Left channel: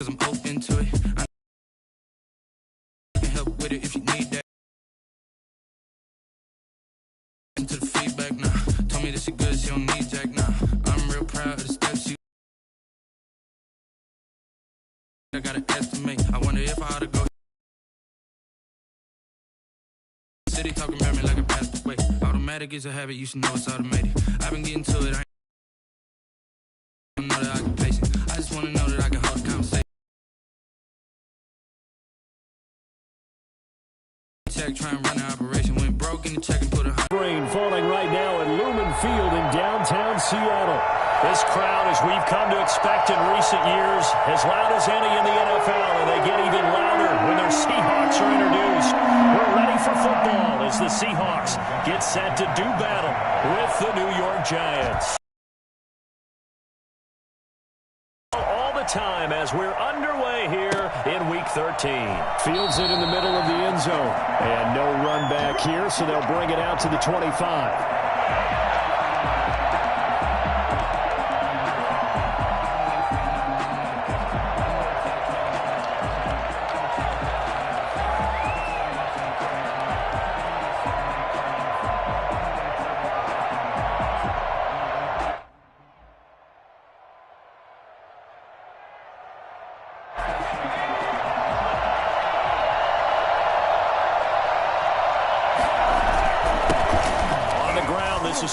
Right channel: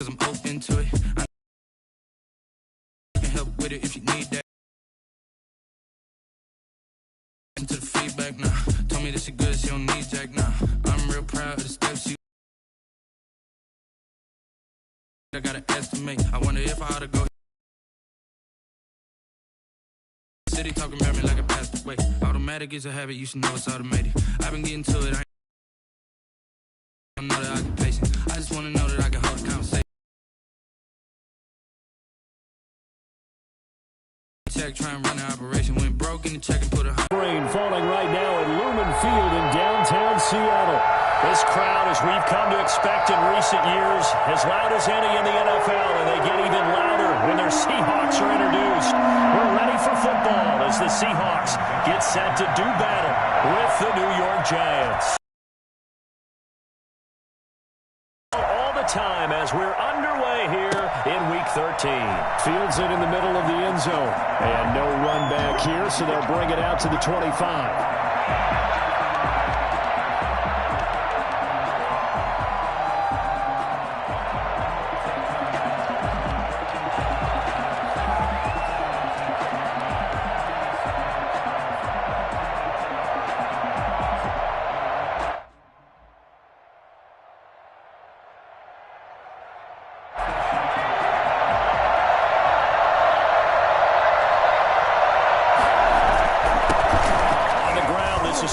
'Cause I'm open to it. I can help with it if you need that. Listen to the feedback now. Told me that she good, she don't need Jack now. I'm real proud of the steps she. I gotta estimate. I wonder if I ought to go. City talking about me like a passed away. Automatic is a habit, you should know it's automated. I've been getting to it. I know that I can pace it. I just wanna know that I can hold a conversation. Check, try and run the operation. Went broke in the check and put a rain falling right now at Lumen Field in downtown Seattle. This crowd, as we've come to expect in recent years, as loud as any in the NFL, and they get even louder when their Seahawks are introduced. We're ready for football as the Seahawks get set to do battle with the New York Giants. All the time as we're underway here in Week 13. Fields it in the middle of the end zone. And no run back here, so they'll bring it out to the 25.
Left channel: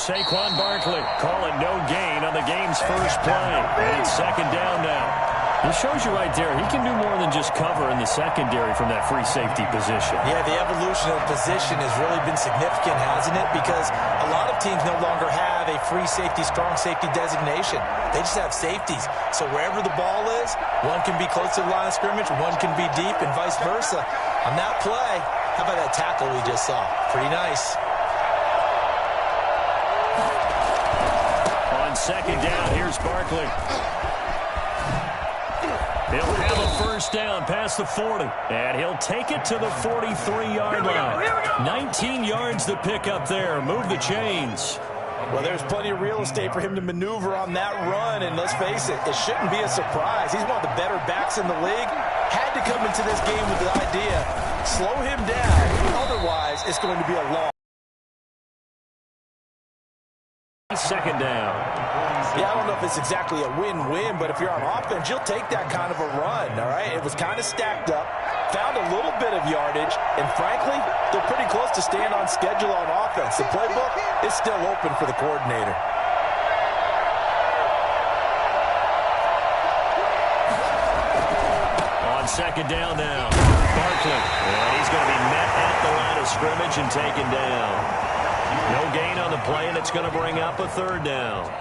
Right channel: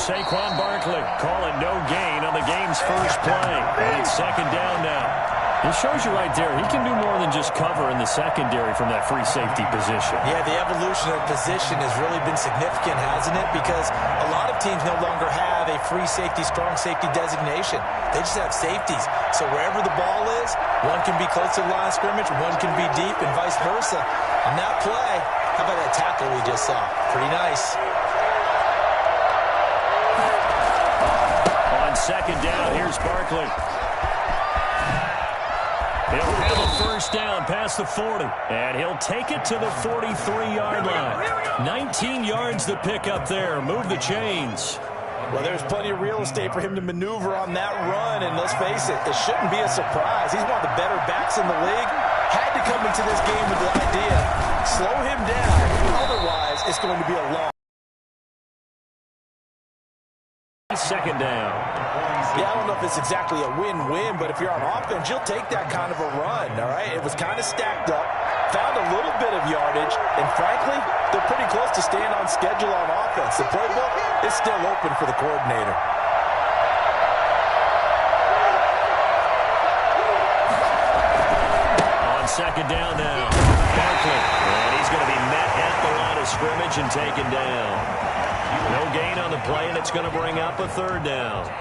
Saquon Barkley calling no gain on the game's first play. And it's second down now. It shows you right there, he can do more than just cover in the secondary from that free safety position. Yeah, the evolution of position has really been significant, hasn't it? Because a lot of teams no longer have a free safety, strong safety designation. They just have safeties. So wherever the ball is, one can be close to the line of scrimmage, one can be deep, and vice versa. On that play, how about that tackle we just saw? Pretty nice. Second down, here's Barkley. He'll have a first down past the 40, and he'll take it to the 43-yard line. 19 yards to pick up there. Move the chains. Well, there's plenty of real estate for him to maneuver on that run, and let's face it, it shouldn't be a surprise. He's one of the better backs in the league. Had to come into this game with the idea, slow him down. Otherwise, it's going to be a long. Second down. Yeah, I don't know if it's exactly a win-win, but if you're on offense, you'll take that kind of a run, all right? It was kind of stacked up, found a little bit of yardage, and frankly, they're pretty close to staying on schedule on offense. The playbook is still open for the coordinator. On second down now, Barkley, and he's going to be met at the line of scrimmage and taken down. No gain on the play, and it's going to bring up a third down.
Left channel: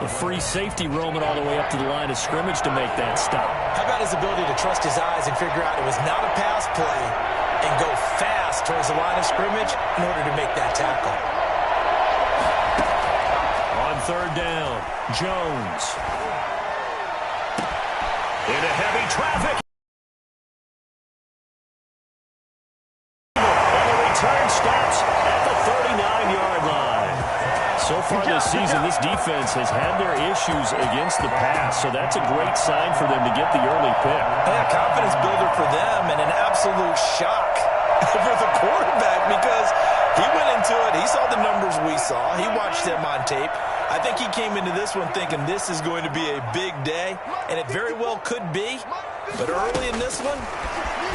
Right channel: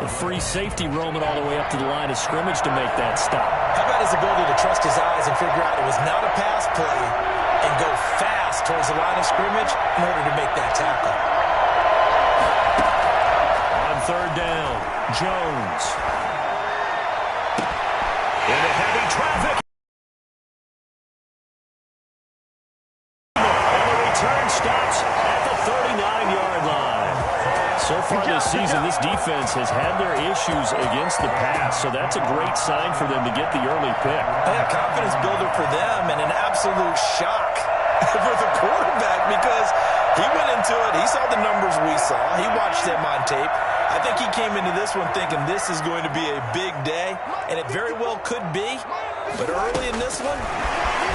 The free safety roaming all the way up to the line of scrimmage to make that stop. How about his ability to trust his eyes and figure out it was not a pass play and go fast towards the line of scrimmage in order to make that tackle. On third down, Jones. Into heavy traffic. And the return stops at the 39-yard line. So far this season, this defense has had their issues against the pass, so that's a great sign for them to get the early pick. Yeah, confidence builder for them and an absolute shock for the quarterback because he went into it. He saw the numbers we saw. He watched them on tape. I think he came into this one thinking this is going to be a big day, and it very well could be. But early in this one,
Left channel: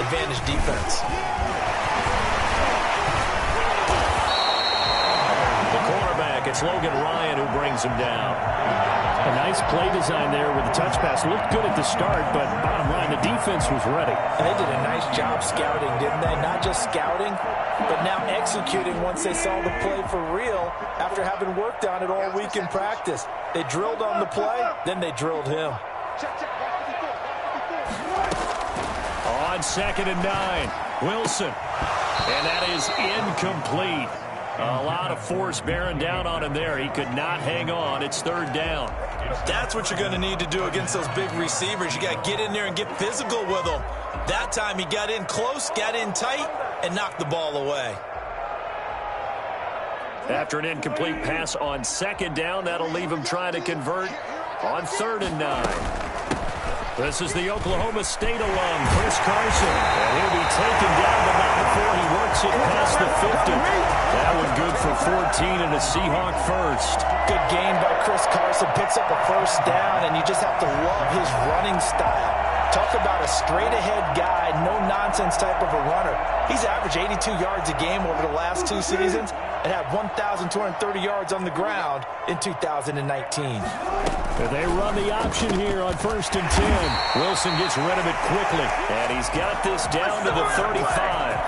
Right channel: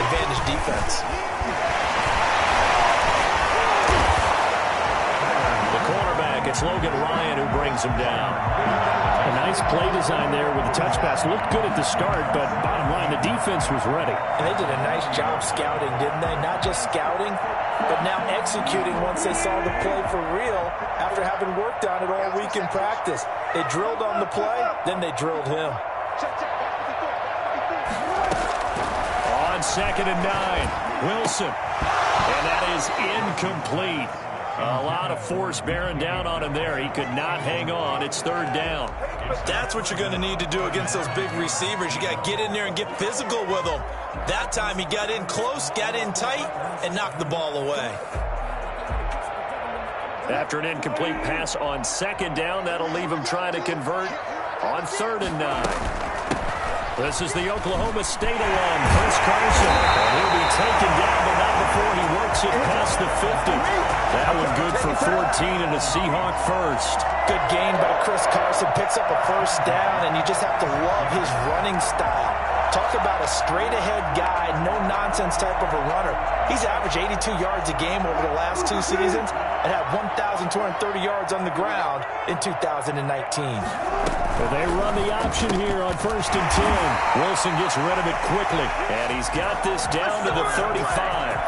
advantage defense. The cornerback, it's Logan Ryan who brings him down. A nice play design there with the touch pass. Looked good at the start, but bottom line, the defense was ready. And they did a nice job scouting, didn't they? Not just scouting, but now executing once they saw the play for real after having worked on it all week in practice. They drilled on the play, then they drilled him. On second and 9, Wilson. And that is incomplete. A lot of force bearing down on him there. He could not hang on. It's third down. That's what you're going to need to do against those big receivers. You got to get in there and get physical with them. That time he got in close, got in tight, and knocked the ball away. After an incomplete pass on second down, that'll leave him trying to convert on third and 9. This is the Oklahoma State alum, Chris Carson. And he'll be taken down, but not before he works it past the 50. That one good for 14 and a Seahawk first. Good gain by Chris Carson. Picks up a first down, and you just have to love his running style. Talk about a straight-ahead guy, no-nonsense type of a runner. He's averaged 82 yards a game over the last 2 seasons and had 1,230 yards on the ground in 2019. They run the option here on 1st and 10. Wilson gets rid of it quickly, and he's got this down to the 35.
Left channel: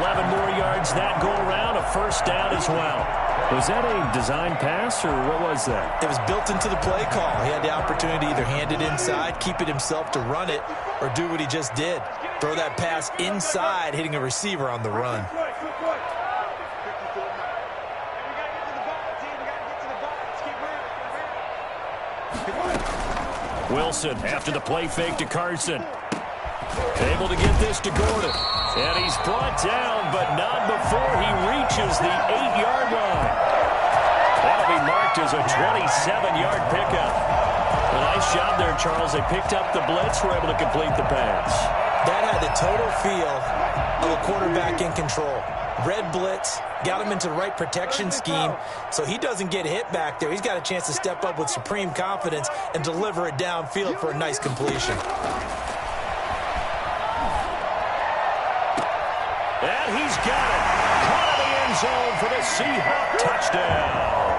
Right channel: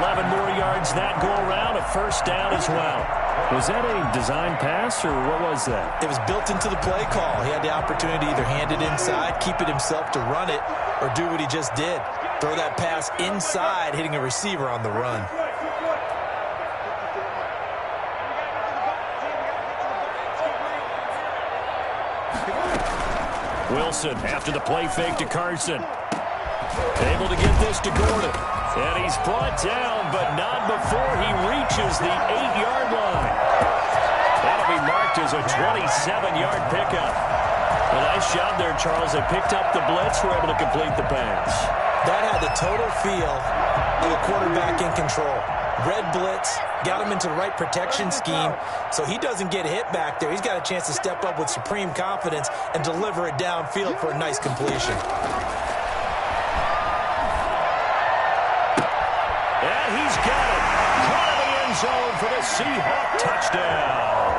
11 more yards that go around, a first down as well. Was that a design pass, or what was that? It was built into the play call. He had the opportunity to either hand it inside, keep it himself to run it, or do what he just did. Throw that pass inside, hitting a receiver on the run. Wilson after the play fake to Carson. Able to get this to Gordon. And he's brought down, but not before he reaches the 8-yard line. That'll be marked as a 27-yard pickup. A nice job there, Charles. They picked up the blitz, were able to complete the pass. That had the total feel of a quarterback in control. Red blitz, got him into the right protection scheme, so he doesn't get hit back there. He's got a chance to step up with supreme confidence and deliver it downfield for a nice completion. And he's got it. Caught in the end zone for the Seahawk touchdown.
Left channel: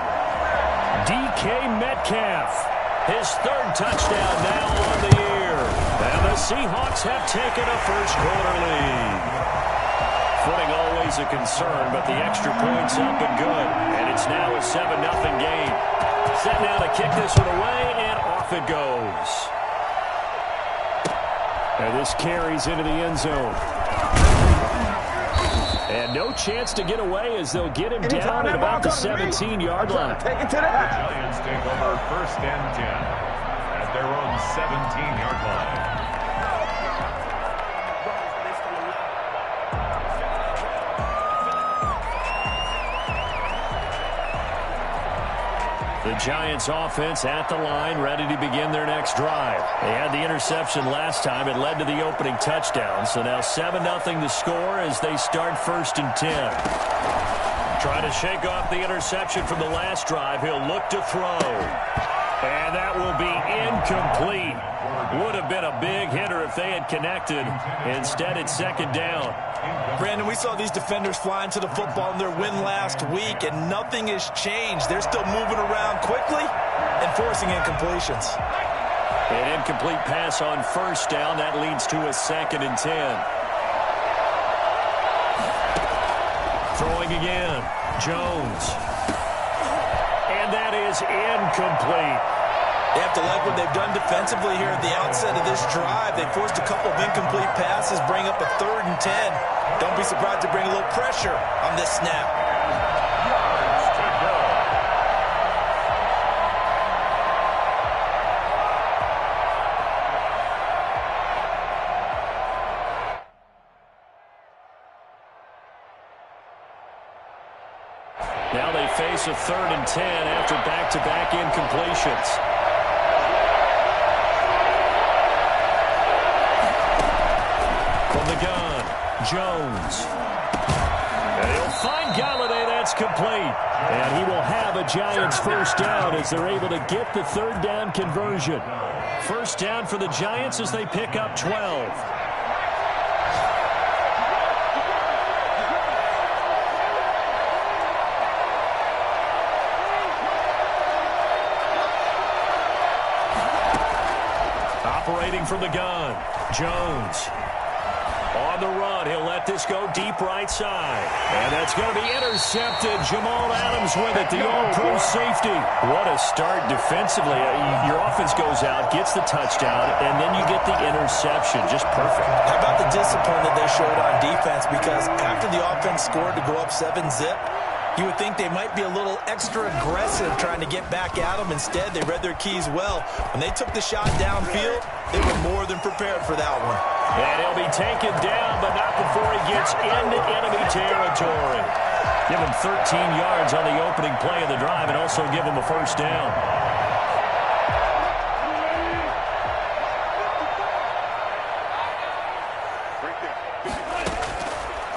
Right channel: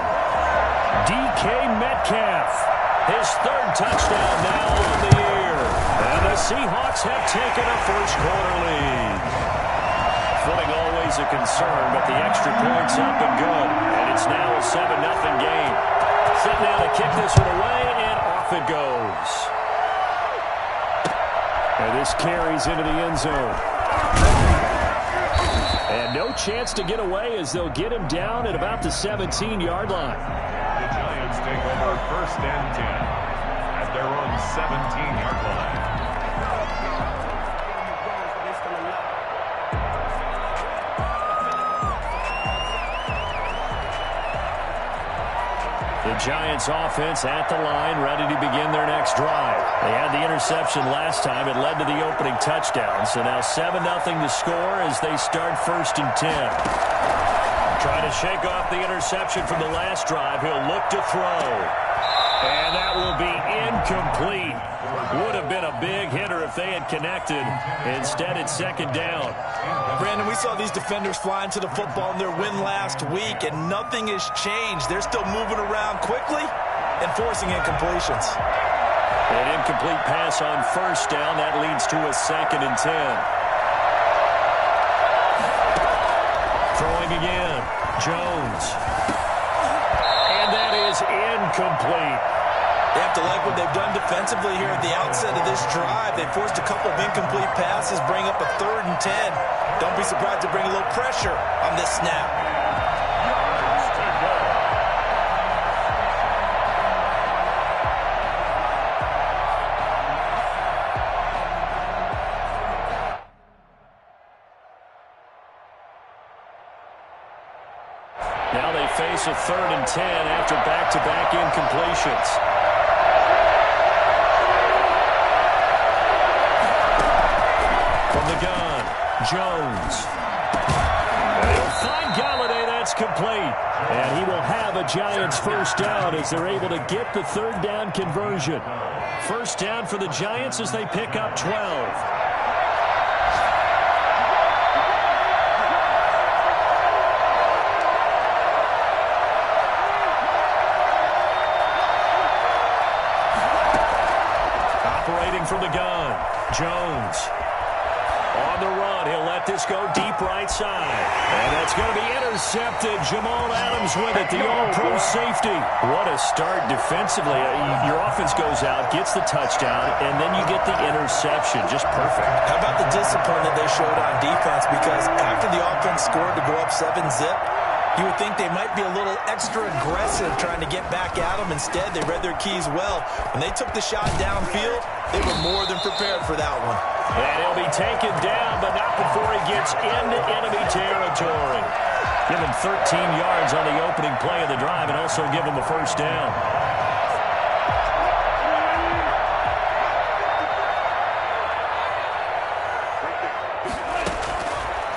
DK Metcalf, his 3rd touchdown now on the year. And the Seahawks have taken a first-quarter lead. Footing always a concern, but the extra point's up and good. And it's now a 7-0 game. Set now to kick this one away, and off it goes. And this carries into the end zone. And no chance to get away as they'll get him down at about the 17-yard line. The Giants take over 1st and 10 at their own 17-yard line. The Giants offense at the line, ready to begin their next drive. They had the interception last time. It led to the opening touchdown. So now 7-0 to score as they start 1st and 10. Trying to shake off the interception from the last drive. He'll look to throw. And that will be incomplete. Would have been a big hitter if they had connected. Instead, it's 2nd down. Brandon, we saw these defenders flying to the football in their win last week, and nothing has changed. They're still moving around quickly and forcing incompletions. An incomplete pass on 1st down. That leads to a 2nd and 10. Throwing again. Jones. And that is incomplete. They have to like what they've done defensively here at the outset of this drive. They forced a couple of incomplete passes, bring up a 3rd and 10. Don't be surprised to bring a little pressure on this snap. Yards to go. Now they face a 3rd and 10 after back-to-back incompletions. From the gun, Jones. And he'll find Galladay. That's complete. And he will have a Giants first down as they're able to get the 3rd down conversion. First down for the Giants as they pick up 12. Operating from the gun, Jones. On the run, he'll let this go deep right side. And that's going to be intercepted. Jamal Adams with it, the all-pro safety. What a start defensively. Your offense goes out, gets the touchdown, and then you get the interception. Just perfect. How about the discipline that they showed on defense? Because after the offense scored to go up 7-zip, you would think they might be a little extra aggressive trying to get back at them. Instead, they read their keys well. When they took the shot downfield, they were more than prepared for that one. And he'll be taken down, but not before he gets into enemy territory. Give him 13 yards on the opening play of the drive and also give him a first down.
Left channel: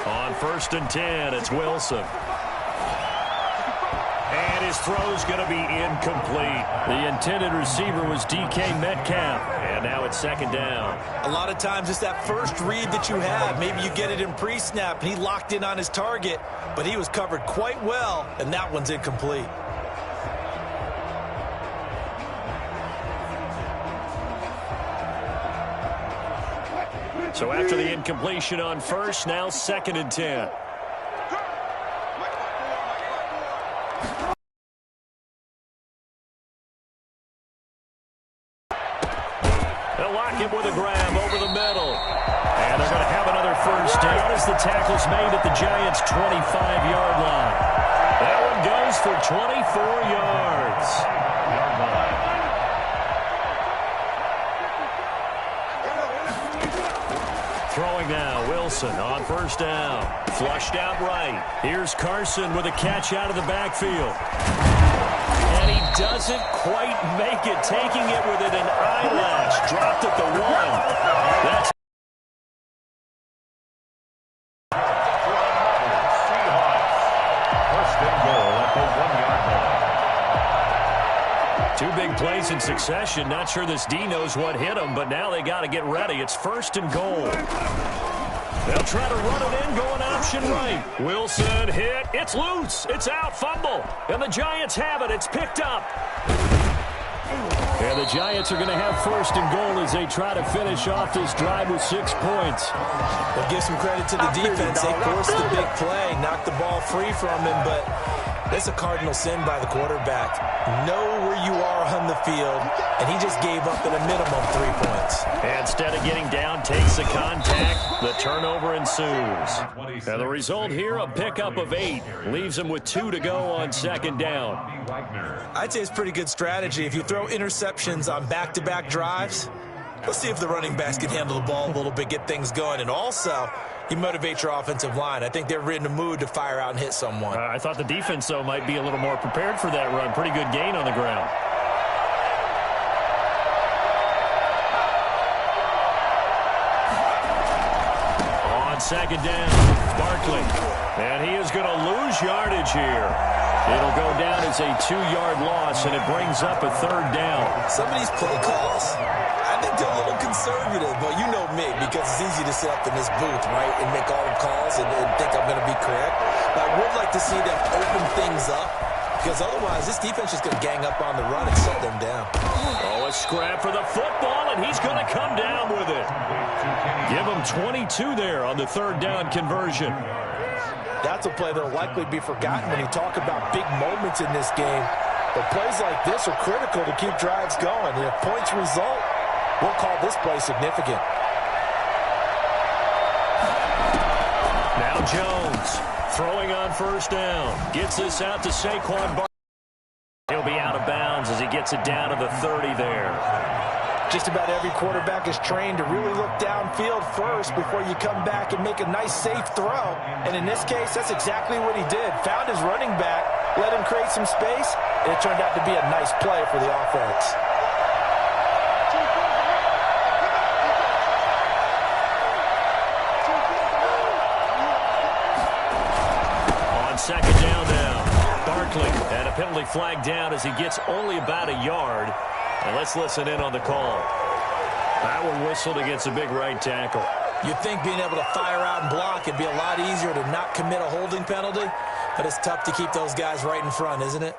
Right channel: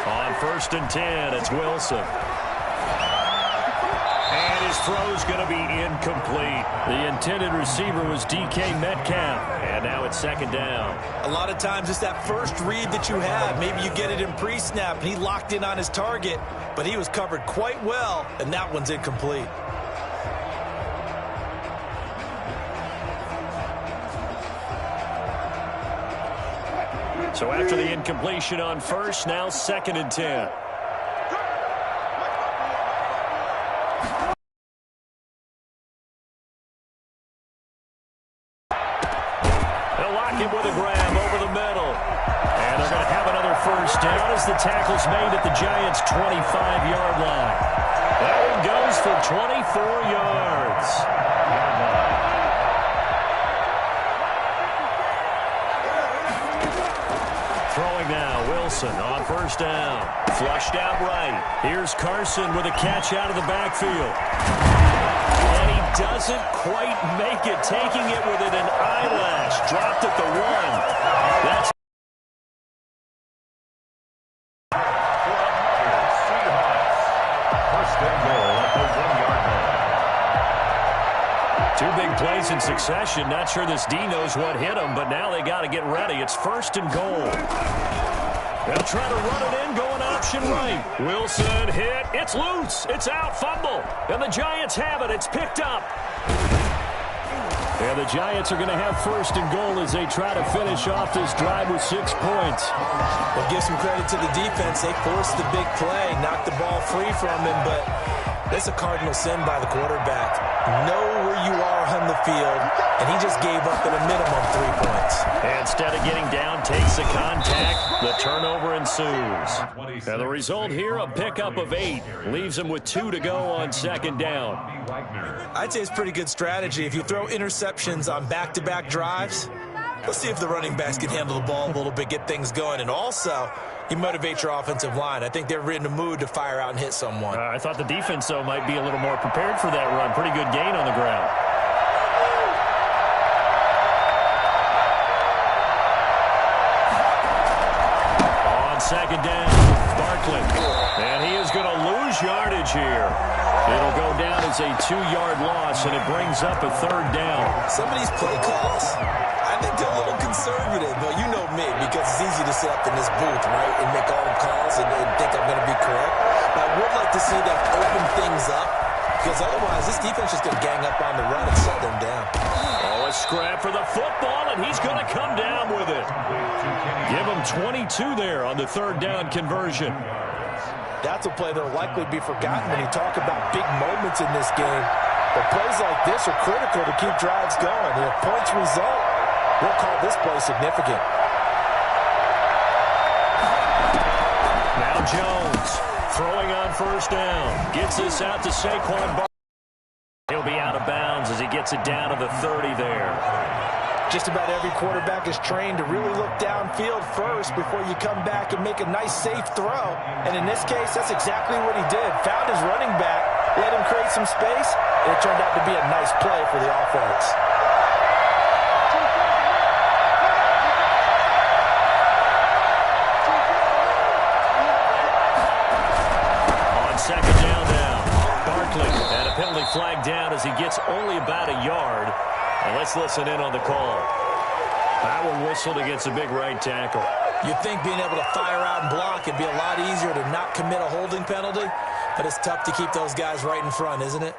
On 1st and 10, it's Wilson. And his throw's going to be incomplete. The intended receiver was DK Metcalf. And now it's 2nd down. A lot of times it's that first read that you have. Maybe you get it in pre-snap, and he locked in on his target, but he was covered quite well, and that one's incomplete. So after the incompletion on 1st, now 2nd and 10. They'll lock him with a grab over the middle. And they're going to have another 1st down as the tackle's made at the Giants' 25-yard line. That one goes for 24 yards. Throwing now, Wilson on 1st down. Flushed out right. Here's Carson with a catch out of the backfield. And he doesn't quite make it, taking it within an eyelash. Dropped at the 1. That's Seahawks. 1st and goal at the 1-yard line. 2 big plays in succession. Not sure this D knows what hit him, but now they got to get ready. It's 1st and goal. They'll try to run it in, going option right. Wilson hit. It's loose. It's out. Fumble. And the Giants have it. It's picked up. And the Giants are going to have 1st and goal as they try to finish off this drive with 6 points. We'll give some credit to the defense. They forced the big play, knocked the ball free from him, but that's a cardinal sin by the quarterback. Know where you are on the field, and he just gave up at a minimum 3 points. And instead of getting down, takes the contact. The turnover ensues. And the result here, a pickup of 8. Leaves him with 2 to go on 2nd down. I'd say it's pretty good strategy. If you throw interceptions on back-to-back drives, let's see if the running backs can handle the ball a little bit, get things going. And also, you motivate your offensive line. I think they're in the mood to fire out and hit someone. I thought the defense, though, might be a little more prepared for that run. Pretty good gain on the ground. On 2nd down, Barkley. And he is going to lose yardage here. It'll go down as a 2-yard loss, and it brings up a 3rd down. Some of these play calls, I think they're a little conservative. Well, you know me, because it's easy to sit up in this booth, right, and make all the calls and think I'm going to be correct. But I would like to see them open things up, because otherwise this defense is going to gang up on the run and shut them down. Oh, a scrap for the football, and he's going to come down with it. Give him 22 there on the 3rd down conversion. That's a play that will likely be forgotten when you talk about big moments in this game. But plays like this are critical to keep drives going. And if points result, we'll call this play significant. Now Jones throwing on 1st down. Gets this out to Saquon Barkley. He'll be out of bounds as he gets it down to the 30 there. Just about every quarterback is trained to really look downfield first before you come back and make a nice, safe throw. And in this case, that's exactly what he did. Found his running back, let him create some space, and it turned out to be a nice play for the offense. On 2nd down now, Barkley, and a penalty flag down as he gets only about a yard. And let's listen in on the call. That one whistled against a big right tackle. You'd think being able to fire out and block would be a lot easier to not commit a holding penalty, but it's tough to keep those guys right in front, isn't it?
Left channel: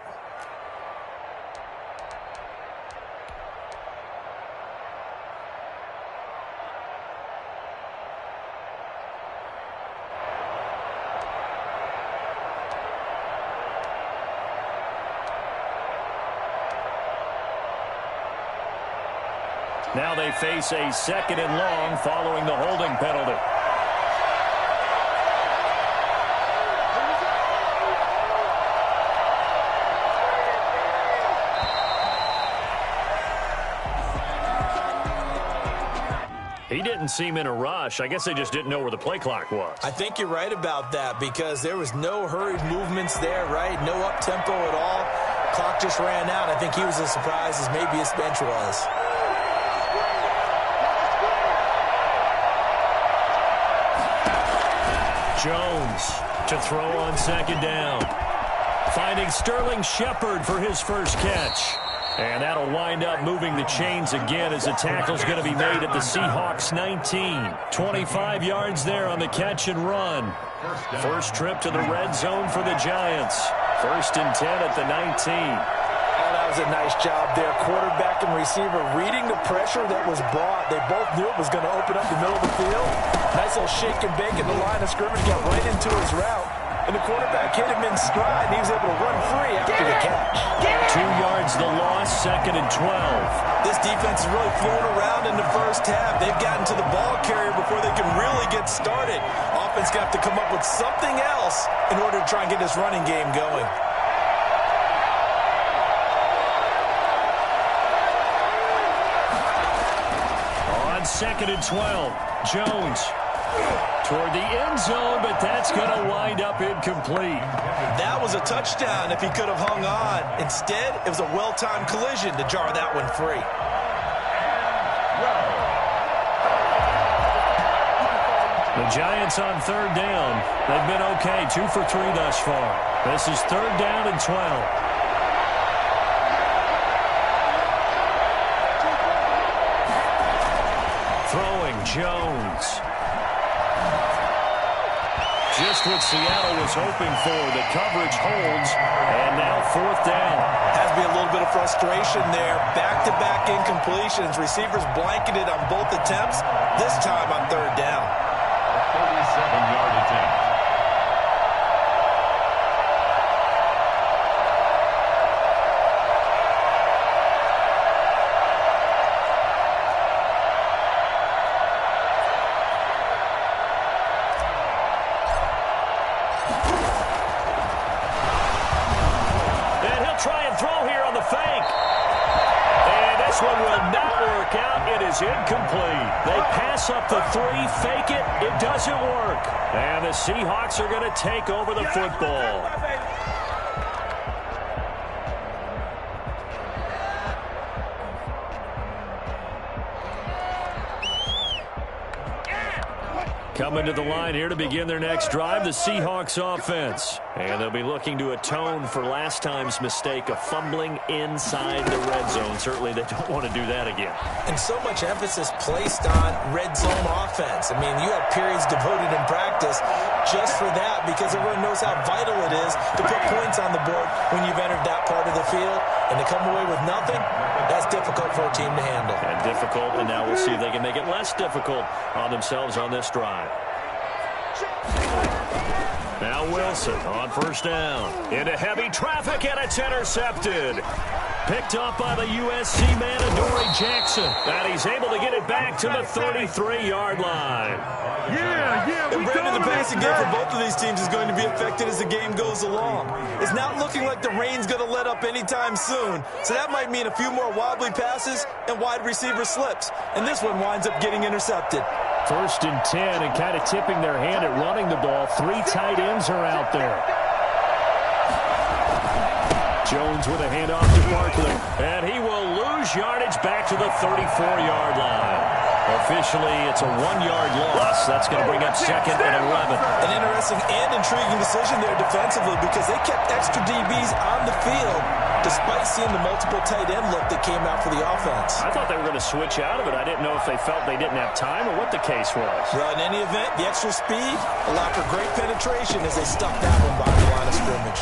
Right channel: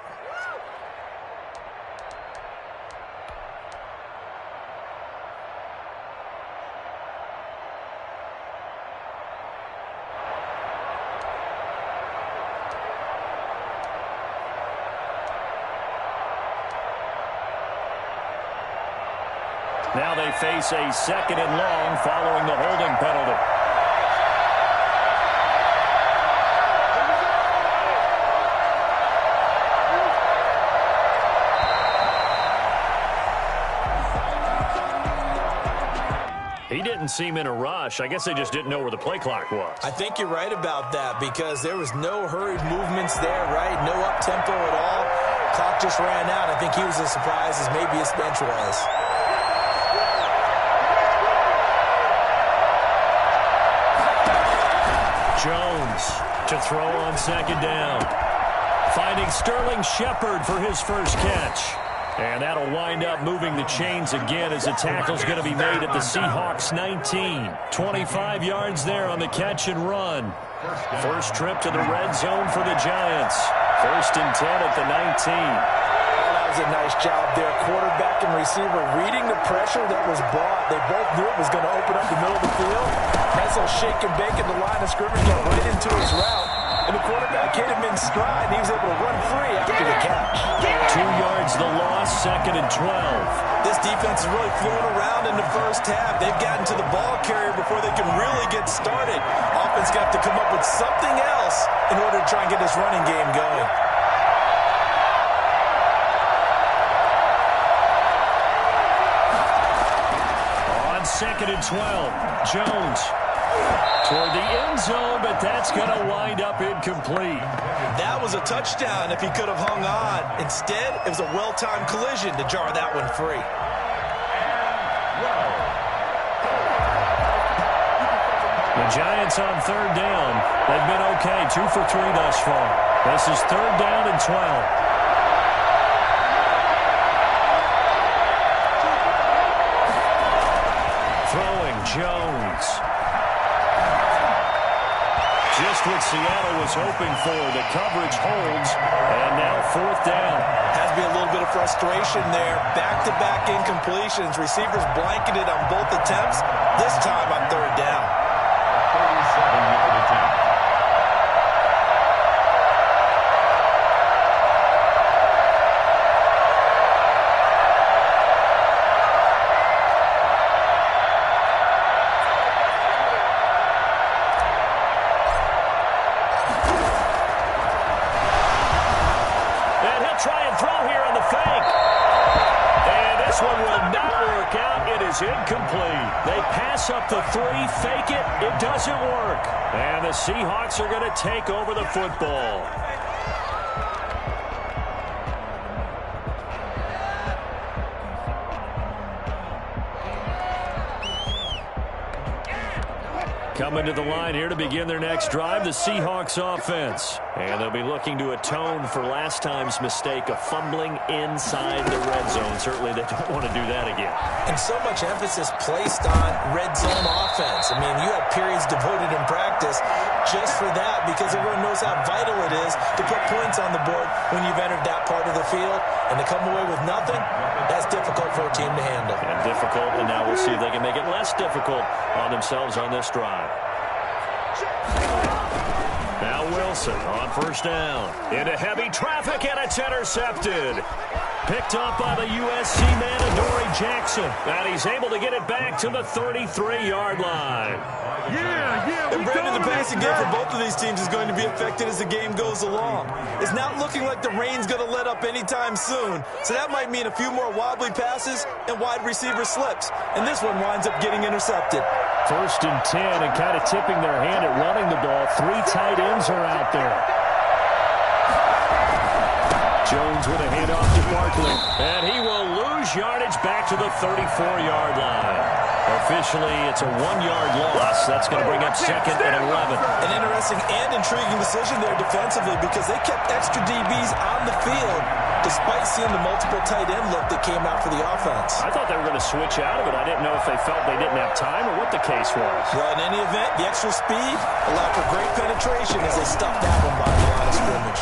Now they face a 2nd and long following the holding penalty. He didn't seem in a rush. I guess they just didn't know where the play clock was. I think you're right about that because there was no hurried movements there, right? No up-tempo at all. Clock just ran out. I think he was as surprised as maybe his bench was. Jones to throw on second down. Finding Sterling Shepard for his first catch. And that'll wind up moving the chains again as the tackle's going to be made at the Seahawks 19. 25 yards there on the catch and run. First trip to the red zone for the Giants. 1st and 10 at the 19. Oh, that was a nice job there. Quarterback and receiver reading the pressure that was brought. They both knew it was going to open up the middle of the field. Nice little shake and bake at the line of scrimmage, got right into his route. And the quarterback hit him in stride, and he was able to run free after the catch. 2 yards the loss, 2nd and 12. This defense is really flown around in the first half. They've gotten to the ball carrier before they can really get started. Offense got to come up with something else in order to try and get this running game going. On 2nd and 12, Jones toward the end zone, but that's going to wind up incomplete. That was a touchdown if he could have hung on. Instead, it was a well-timed collision to jar that one free. The Giants on 3rd down. They've been okay, 2 for 3 thus far. This is 3rd down and 12. Throwing Jones. Just what Seattle was hoping for. The coverage holds, and now 4th down. Has to be a little bit of frustration there. Back-to-back incompletions. Receivers blanketed on both attempts, this time on 3rd down. 37-yard attempt. Try and throw here on the fake. And this one will not work out. It is incomplete. They pass up the 3, fake it. It doesn't work. And the Seahawks are going to take over the football. Coming to the line here to begin their next drive, the Seahawks offense. And they'll be looking to atone for last time's mistake of fumbling inside the red zone. Certainly they don't want to do that again. And so much emphasis placed on red zone offense. I mean, you have periods devoted in practice just for that because everyone knows how vital it is to put points on the board when you've entered that part of the field. And to come away with nothing, that's difficult for a team to handle. And difficult, and now we'll see if they can make it less difficult on themselves on this drive. Now Wilson on 1st down. Into heavy traffic, and it's intercepted. Picked up by the USC man, Adoree Jackson. And he's able to get it back to the 33-yard line. And Brandon, the passing game for both of these teams is going to be affected as the game goes along. It's not looking like the rain's going to let up anytime soon. So that might mean a few more wobbly passes and wide receiver slips. And this one winds up getting intercepted. 1st and 10, and kind of tipping their hand at running the ball. 3 tight ends are out there. Jones with a handoff to Barkley. And he will lose yardage back to the 34-yard line. Officially, it's a 1-yard loss. That's going to bring up 2nd and 11. An interesting and intriguing decision there defensively because they kept extra DBs on the field despite seeing the multiple tight end look that came out for the offense. I thought they were going to switch out of it. I didn't know if they felt they didn't have time or what the case was. Well, in any event, the extra speed allowed for great penetration as they stuffed that one by the line of scrimmage.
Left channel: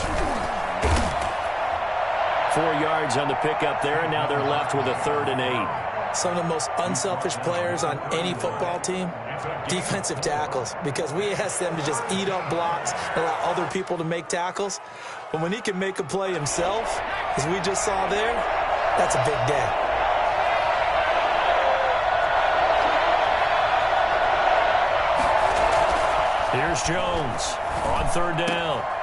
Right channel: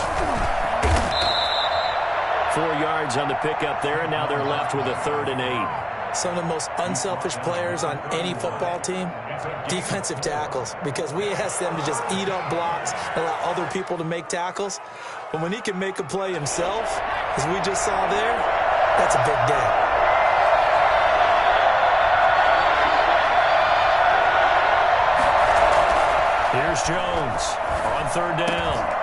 4 yards on the pickup there, and now they're left with a 3rd and 8. Some of the most unselfish players on any football team, defensive tackles, because we ask them to just eat up blocks and allow other people to make tackles. But when he can make a play himself, as we just saw there, that's a big day. Here's Jones on 3rd down.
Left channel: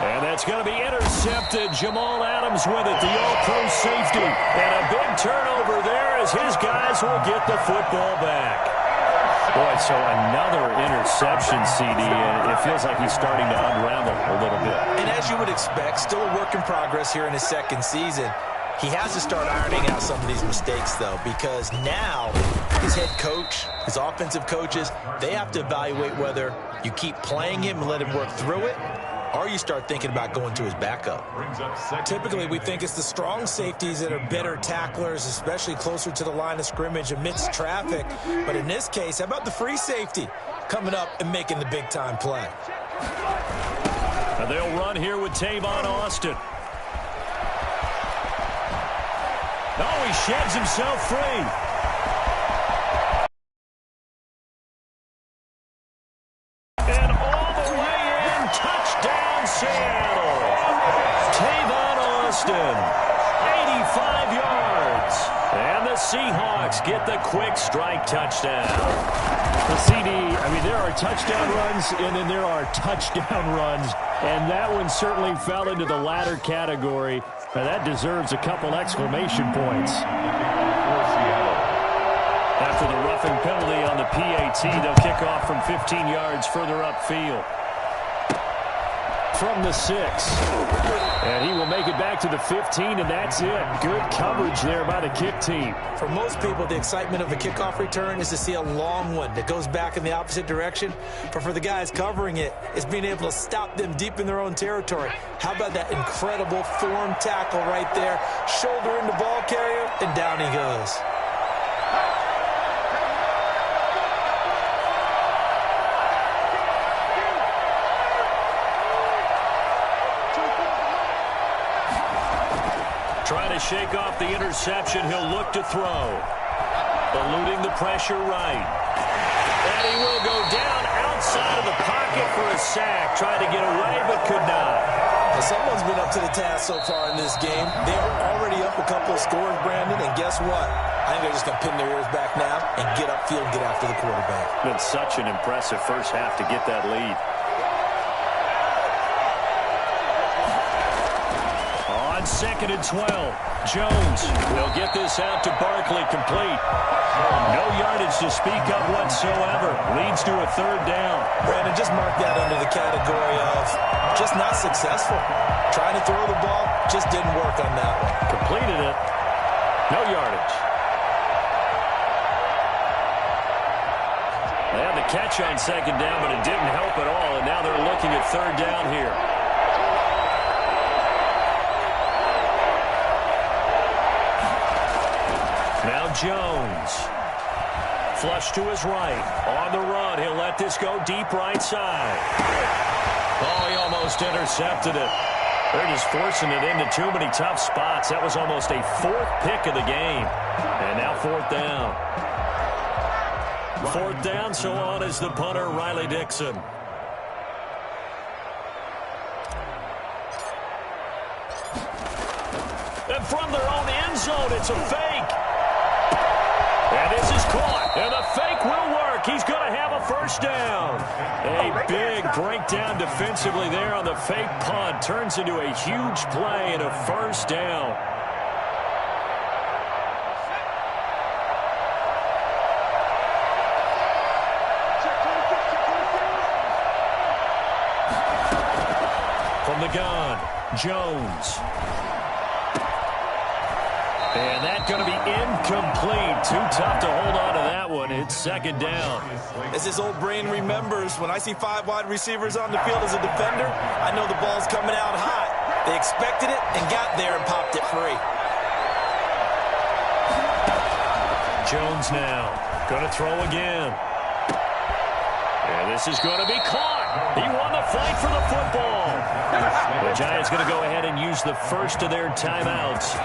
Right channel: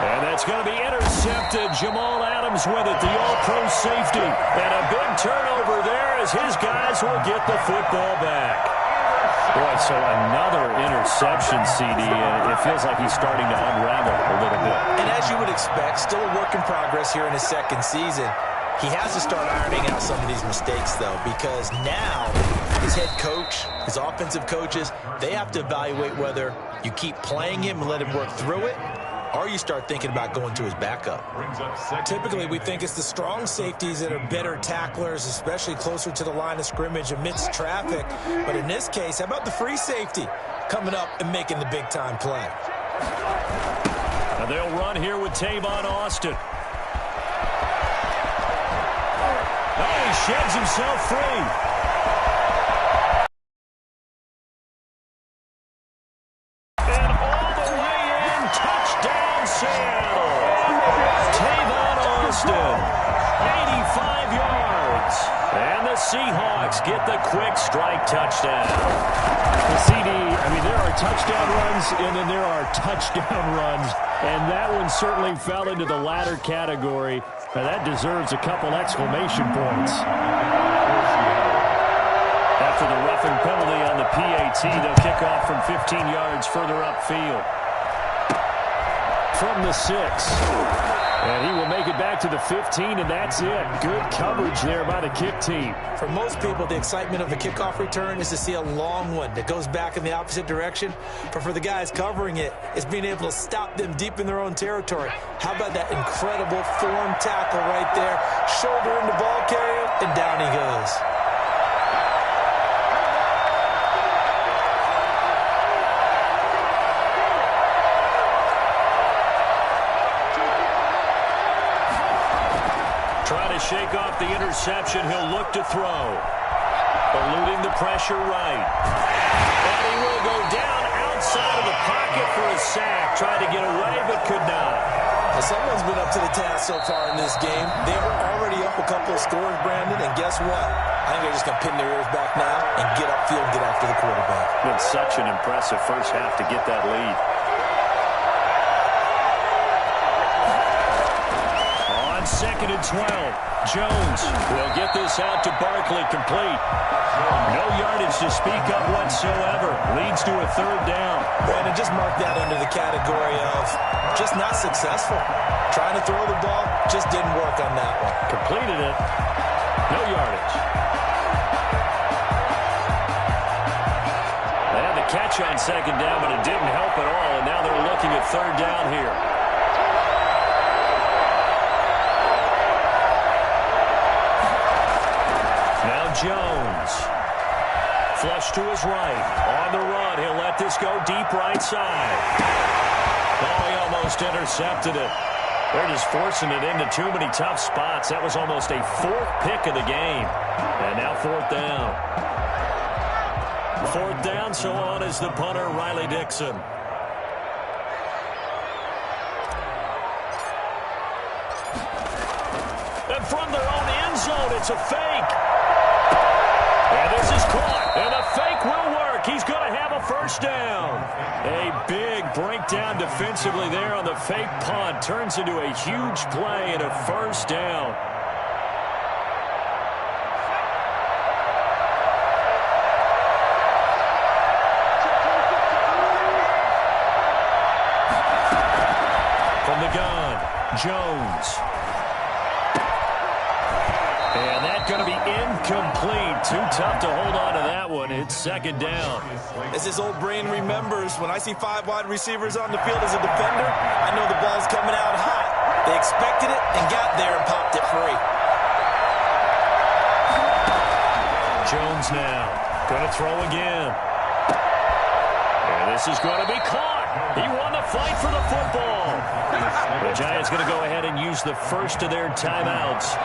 And that's going to be intercepted. Jamal Adams with it, the all-pro safety. And a big turnover there as his guys will get the football back. Boy, so another interception, CD, and it feels like he's starting to unravel a little bit. And as you would expect, still a work in progress here in his 2nd season. He has to start ironing out some of these mistakes, though, because now his head coach, his offensive coaches, they have to evaluate whether You keep playing him and let him work through it, or you start thinking about going to his backup. Typically, we think it's the strong safeties that are better tacklers, especially closer to the line of scrimmage amidst traffic. But in this case, how about the free safety coming up and making the big-time play? And they'll run here with Tavon Austin. Oh, he sheds himself free. And all the way in, touchdown Seattle. Tavon Austin, 85 yards. And the Seahawks get the quick strike touchdown. The CD, there are touchdown runs, and then there are touchdown runs. And that one certainly fell into the latter category. Now that deserves a couple exclamation points. After the roughing penalty on the PAT, they'll kick off from 15 yards further upfield. From the 6. And he will make it back to the 15, and that's it. Good coverage there by the kick team. For most people, the excitement of the kickoff return is to see a long one that goes back in the opposite direction. But for the guys covering it, it's being able to stop them deep in their own territory. How about that incredible form tackle right there? Shoulder into ball carrier, and down he goes. Trying to shake off the interception, he'll look to throw. Eluding the pressure right. And he will go down outside of the pocket for a sack. Tried to get away, but could not. Well, someone's been up to the task so far in this game. They are already up a couple of scores, Brandon, and guess what? I think they're just going to pin their ears back now and get upfield and get after the quarterback. Been such an impressive first half to get that lead. On 2nd and 12, Jones will get this out to Barkley, complete. No yardage to speak of whatsoever. Leads to a 3rd down. Brandon, just mark that under the category of just not successful. Trying to throw the ball, just didn't work on that one. Completed it. No yardage. They had the catch on 2nd down, but it didn't help at all, and now they're looking at 3rd down here. Now Jones. Flush to his right. On the run. He'll let this go deep right side. Oh, he almost intercepted it. They're just forcing it into too many tough spots. That was almost a 4th pick of the game. And now 4th down. 4th down, so on is the punter, Riley Dixon. And from their own end zone, it's a fake. And this is caught, and the fake will work. He's going to have a 1st down. A big breakdown defensively there on the fake punt. Turns into a huge play and a 1st down. From the gun, Jones. And that's going to be incomplete. Too tough to hold on to that one. It's 2nd down. As his old brain remembers, when I see 5 wide receivers on the field as a defender, I know the ball's coming out hot. They expected it and got there and popped it free. Jones now going to throw again. And this is going to be caught. He won the fight for the football. The Giants going to go ahead and use the first of their timeouts,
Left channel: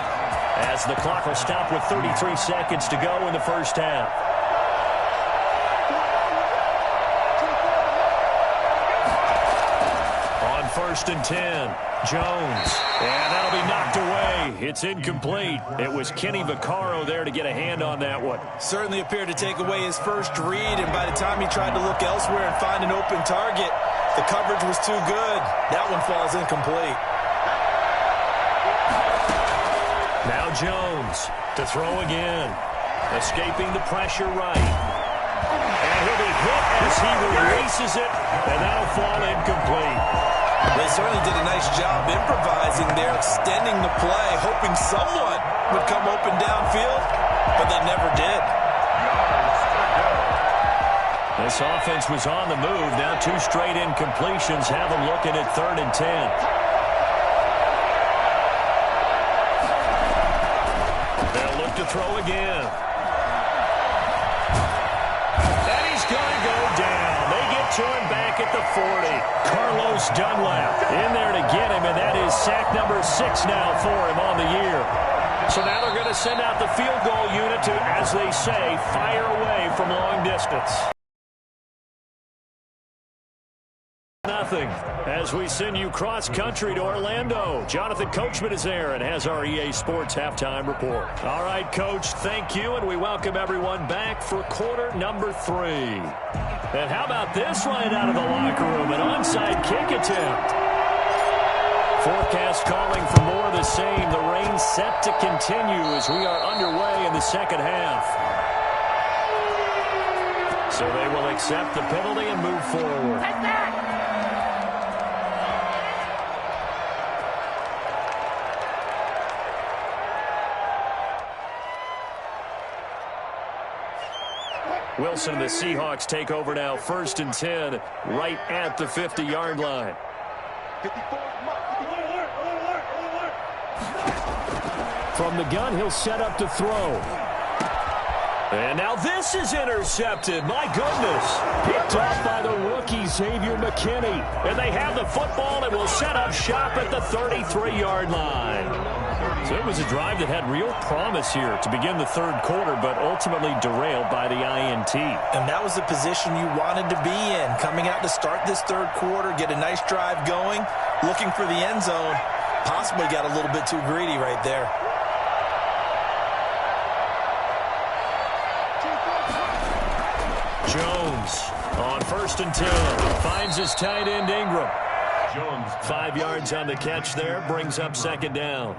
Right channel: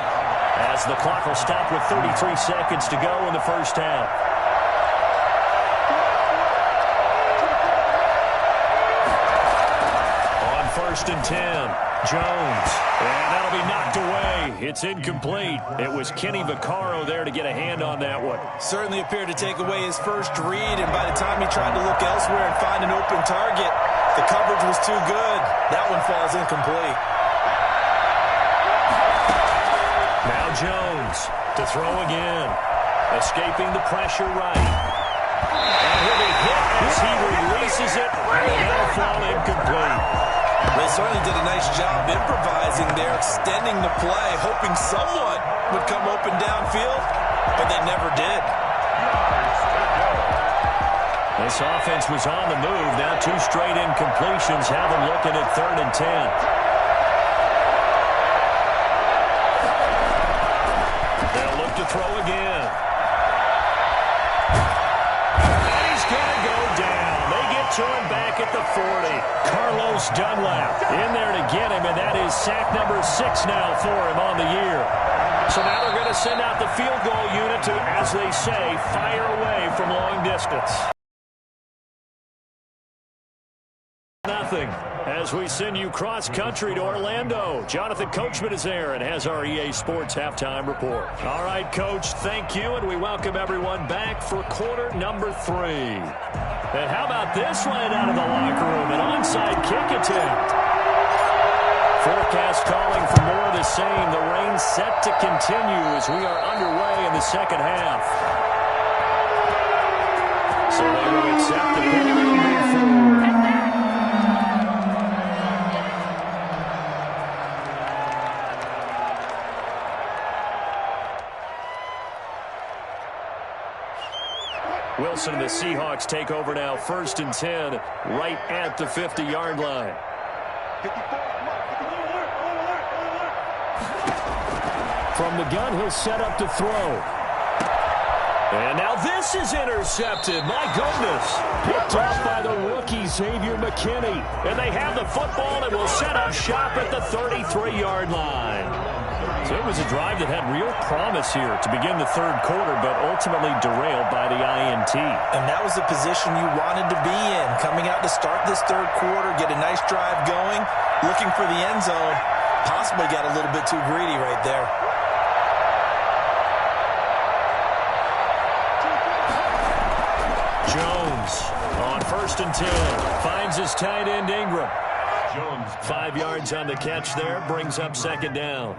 as the clock will stop with 33 seconds to go in the first half. On 1st and 10, Jones. And that'll be knocked away. It's incomplete. It was Kenny Vaccaro there to get a hand on that one. Certainly appeared to take away his first read, and by the time he tried to look elsewhere and find an open target, the coverage was too good. That one falls incomplete. Now Jones to throw again. Escaping the pressure right. And he'll be hit as he releases it, and that'll fall incomplete. They certainly did a nice job improvising there, extending the play, hoping someone would come open downfield, but they never did. This offense was on the move. Now 2 straight incompletions have them looking at 3rd and 10. They'll look to throw again. And he's going to go down. They get to him back at the 40. Carlos Dunlap in there to get him, and that is sack number 6 now for him on the year. So now they're going to send out the field goal unit to, as they say, fire away from long distance. Nothing as we send you cross-country to Orlando. Jonathan Coachman is there and has our EA Sports halftime report. All right, Coach, thank you, and we welcome everyone back for quarter number 3. And how about this right out of the locker room, an onside kick attempt. Forecast calling for more of the same. The rain set to continue as we are underway in the second half. So they will accept the penalty and move forward. Wilson and the Seahawks take over now, 1st and 10, right at the 50-yard line. From the gun, he'll set up to throw. And now this is intercepted. My goodness. Picked off by the rookie, Xavier McKinney. And they have the football and will set up shop at the 33-yard line. So it was a drive that had real promise here to begin the 3rd quarter, but ultimately derailed by the INT. And that was the position you wanted to be in. Coming out to start this 3rd quarter, get a nice drive going, looking for the end zone. Possibly got a little bit too greedy right there. Jones on 1st and 10. Finds his tight end Ingram. Jones 5 yards on the catch there. Brings up 2nd down.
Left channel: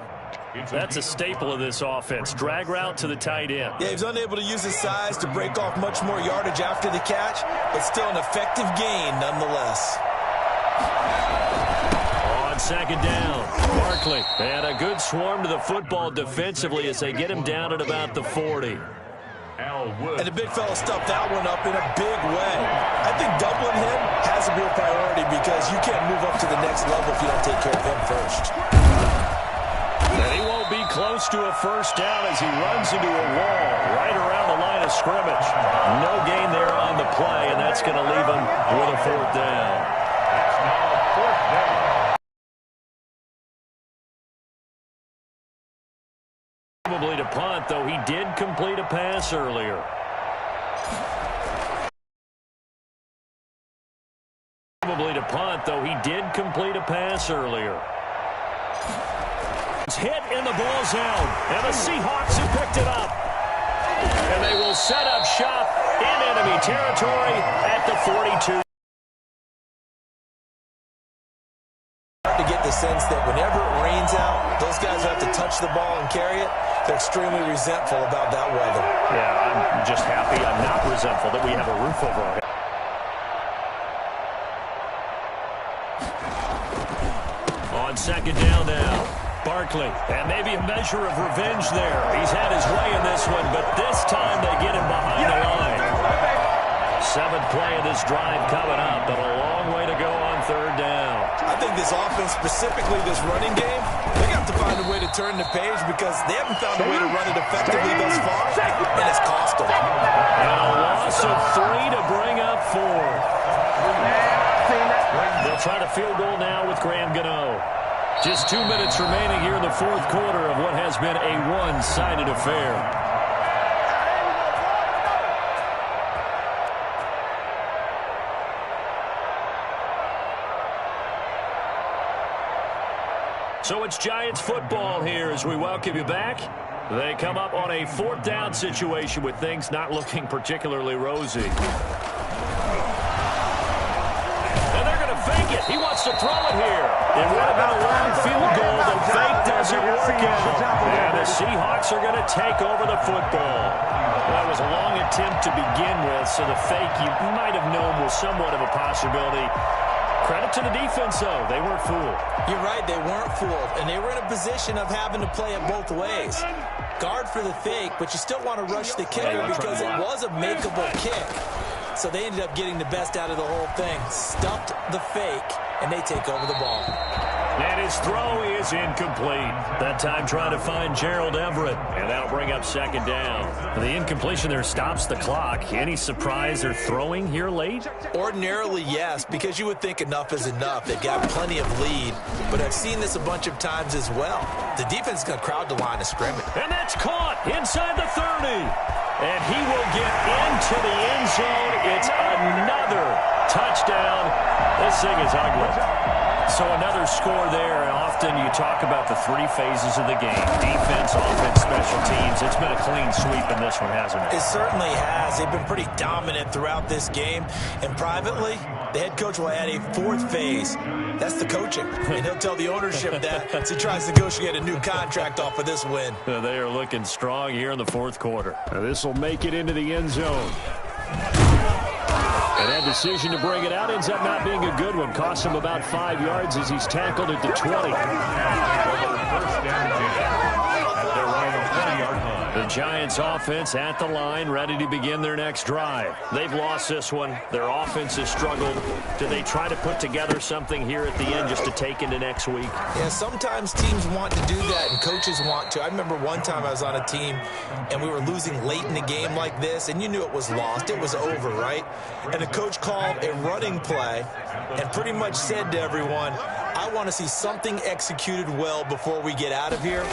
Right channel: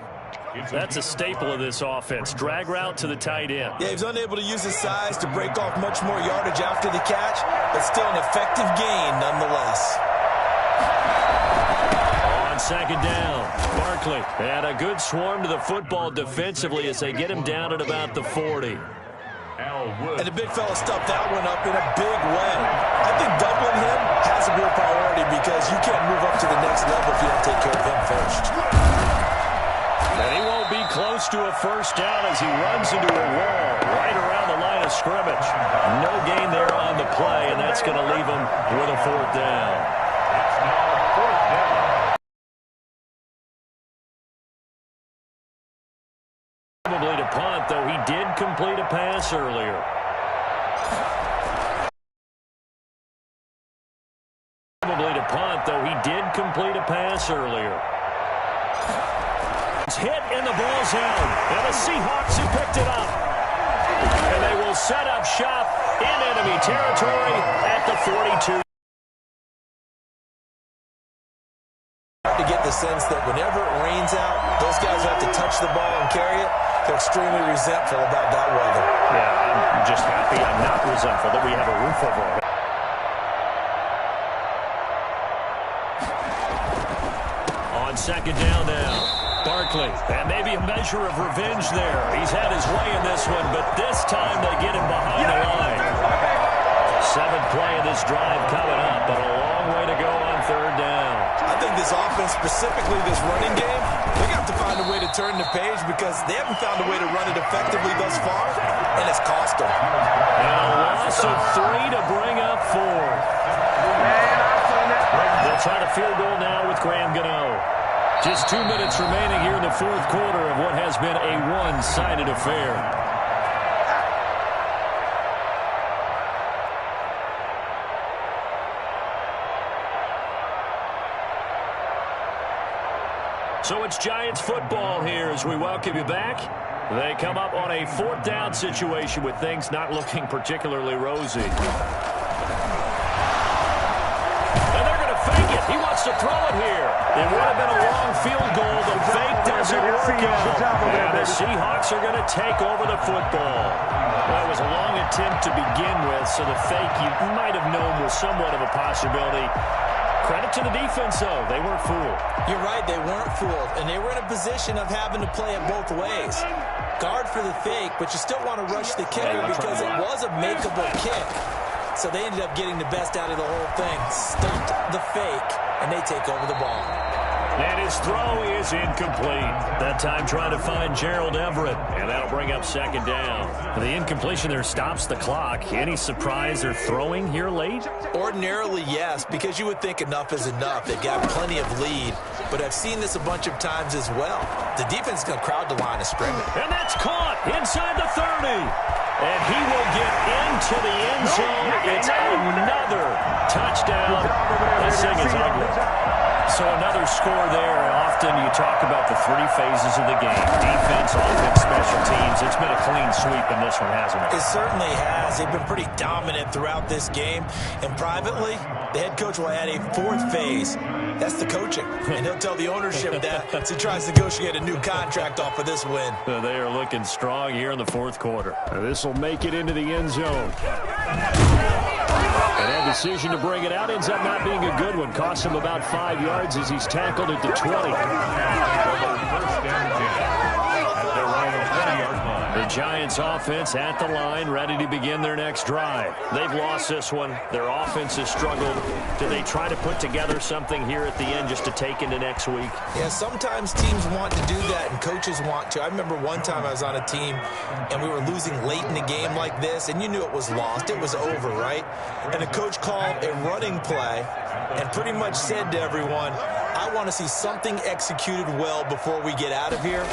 That's a staple of this offense. Drag route to the tight end. Yeah, he's unable to use his size to break off much more yardage after the catch, but still an effective gain nonetheless. On 2nd down, Barkley. And a good swarm to the football defensively as they get him down at about the 40. And the big fella stuffed that one up in a big way. I think doubling him has a real priority because you can't move up to the next level if you don't take care of him first. And he won't be close to a 1st down as he runs into a wall right around the line of scrimmage. No gain there on the play, and that's going to leave him with a 4th down. It's now 4th down. Probably to punt, though he did complete a pass earlier. Probably to punt, though he did complete a pass earlier. It's hit and the ball's out. And the Seahawks have picked it up. And they will set up shop in enemy territory at the 42. To get the sense that whenever it rains out, those guys who have to touch the ball and carry it, they're extremely resentful about that weather. Yeah, I'm just happy I'm not resentful that we have a roof over our head. On 2nd down now. Barkley, and maybe a measure of revenge there. He's had his way in this one, but this time they get him behind the line. 7th play of this drive coming up, but a long way to go on 3rd down. I think this offense, specifically this running game, they have to find a way to turn the page because they haven't found a way to run it effectively thus far, and it's cost them. And a loss of 3 to bring up 4th. They'll try to field goal now with Graham Gano. Just 2 minutes remaining here in the 4th quarter of what has been a one-sided affair. So it's Giants football here as we welcome you back. They come up on a 4th down situation with things not looking particularly rosy. Fake it. He wants to throw it here. It would have been a long field goal. The fake doesn't work out. And the Seahawks are going to take over the football. That was a long attempt to begin with, so the fake you might have known was somewhat of a possibility. Credit to the defense, though. They weren't fooled. You're right. They weren't fooled. And they were in a position of having to play it both ways. Guard for the fake, but you still want to rush the kicker because it was a makeable kick. So they ended up getting the best out of the whole thing. Stumped the fake, and they take over the ball. And his throw is incomplete. That time trying to find Gerald Everett, and that'll bring up second down. The incompletion there stops the clock. Any surprise they're throwing here late? Ordinarily, yes, because you would think enough is enough. They've got plenty of lead, but I've seen this a bunch of times as well. The defense is going to crowd the line of scrimmage. And that's caught inside the 30. And he will get into the end zone. It's another touchdown. This thing is ugly. So another score there, and often you talk about the three phases of the game. Defense, offense, special teams. It's been a clean sweep in this one, hasn't it? It certainly has. They've been pretty dominant throughout this game. And privately, the head coach will add a fourth phase. That's the coaching. And he'll tell the ownership that as he tries to negotiate a new contract off of this win. They are looking strong here in the fourth quarter. This will make it into the end zone. And that decision to bring it out ends up not being a good one. Costs him about 5 yards as he's tackled at the 20. First down 10 at their own 20-yard line. The Giants offense at the line, ready to begin their next drive. They've lost this one. Their offense has struggled. Do they try to put together something here at the end just to take into next week? Yeah, sometimes teams want to do that and coaches want to. I remember one time I was on a team and we were losing late in the game like this, and you knew it was lost. It was over, right? And the coach called a running play and pretty much said to everyone, I want to see something executed well before we get out of here.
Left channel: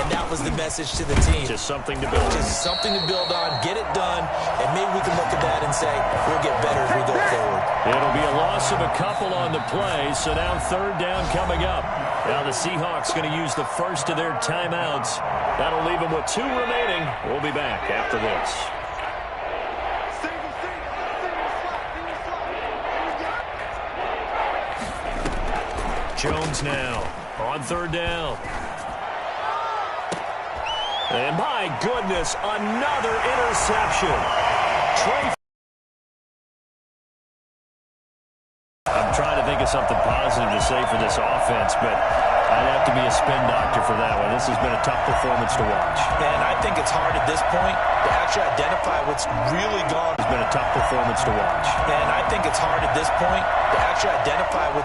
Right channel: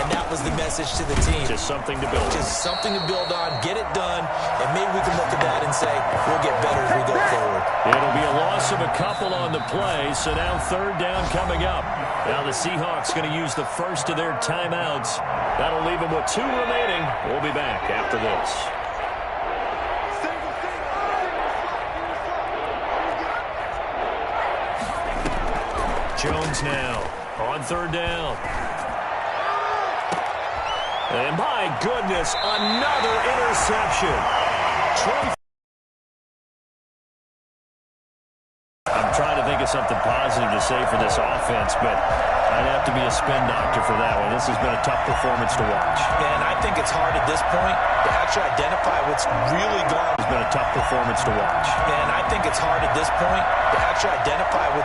And that was the message to the team. Just something to build on. Just something to build on, get it done, and maybe we can look at that and say, we'll get better as we go forward. It'll be a loss of a couple on the play, so now third down coming up. Now the Seahawks going to use the first of their timeouts. That'll leave them with 2 remaining. We'll be back after this. Jones now on third down. And my goodness, another interception. I'm trying to think of something positive to say for this offense, but I'd have to be a spin doctor for that one. This has been a tough performance to watch. And I think it's hard at this point to actually identify what's really gone. It's been a tough performance to watch. And I think it's hard at this point to actually identify what's